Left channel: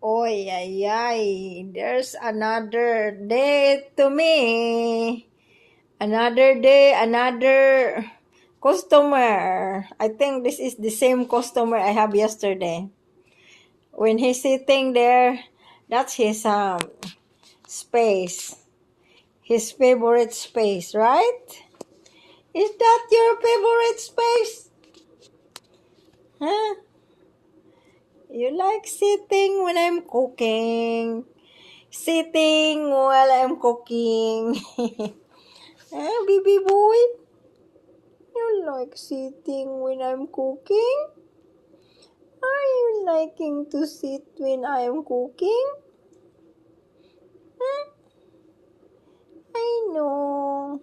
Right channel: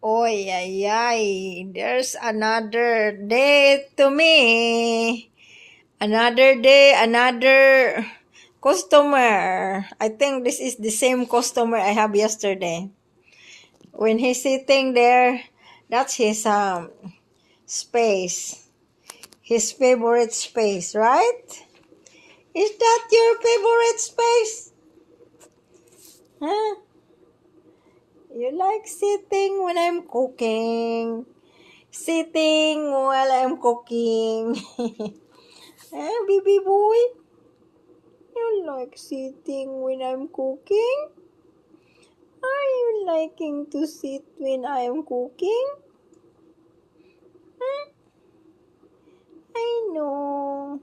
Oy, ay, ay. There's another day to me. Another day, another customer. I think this is the same customer I have yesterday. When he's sitting there, that's his space. His favorite space, right? Is that your favorite space? Huh? You like sitting when I'm cooking. Sitting while I'm cooking. Eh, baby boy? You like sitting when I'm cooking? Are you liking to sit when I'm cooking? Huh? I know.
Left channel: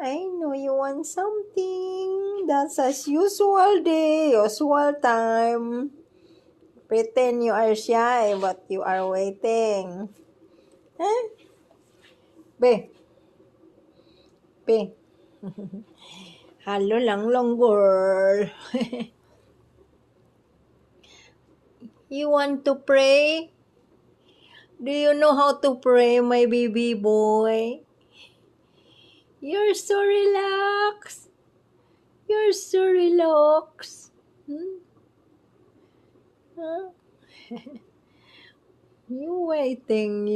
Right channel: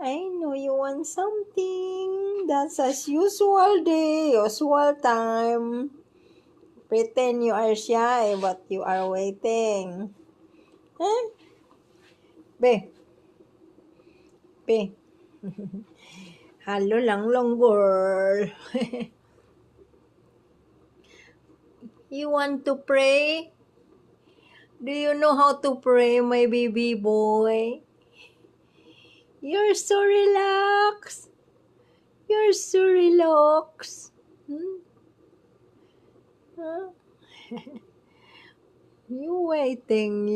I know you want something. That's as usual day, usual time. Pretend you are shy, but you are waiting. Huh? Be. Be. Hello lang long girl. You want to pray? Do you know how to pray, my baby boy? You're so relaxed. You're so relaxed. Hmm? Huh? You waiting.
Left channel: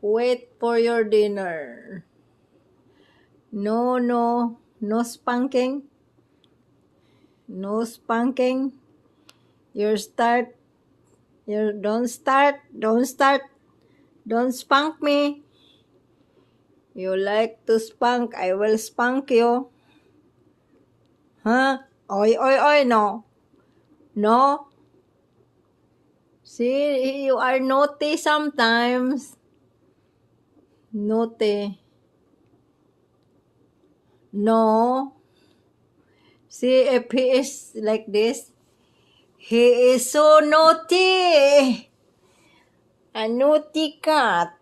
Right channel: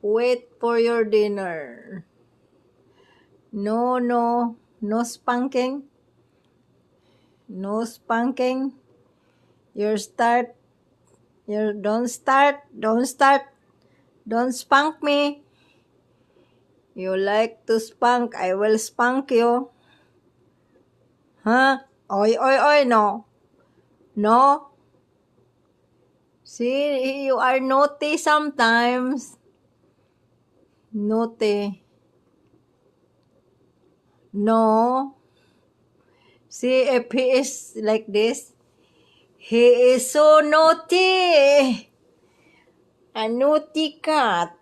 Wait for your dinner. No spanking. No spanking. You don't start. Don't spank me. You like to spank, I will spank you. Huh? Oy, no. No. See, you are naughty sometimes. Naughty. No. See, if he is like this, he is so naughty. A naughty cat.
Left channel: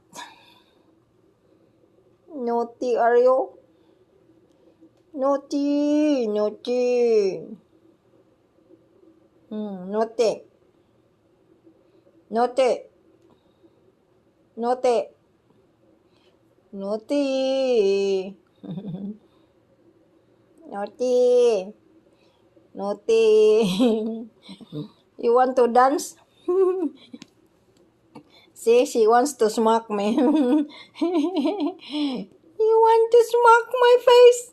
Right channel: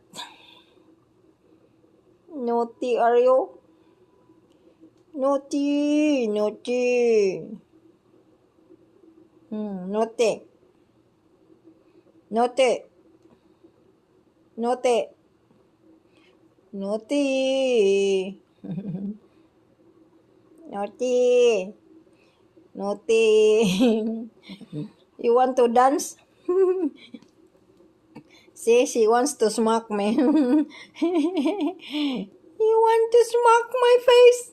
Naughty are you? Naughty. Naughty. Naughty. Naughty. You want to dance? See, she wants to smack me. You want to smack my face?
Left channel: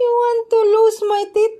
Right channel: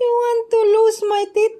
You want to lose my teeth?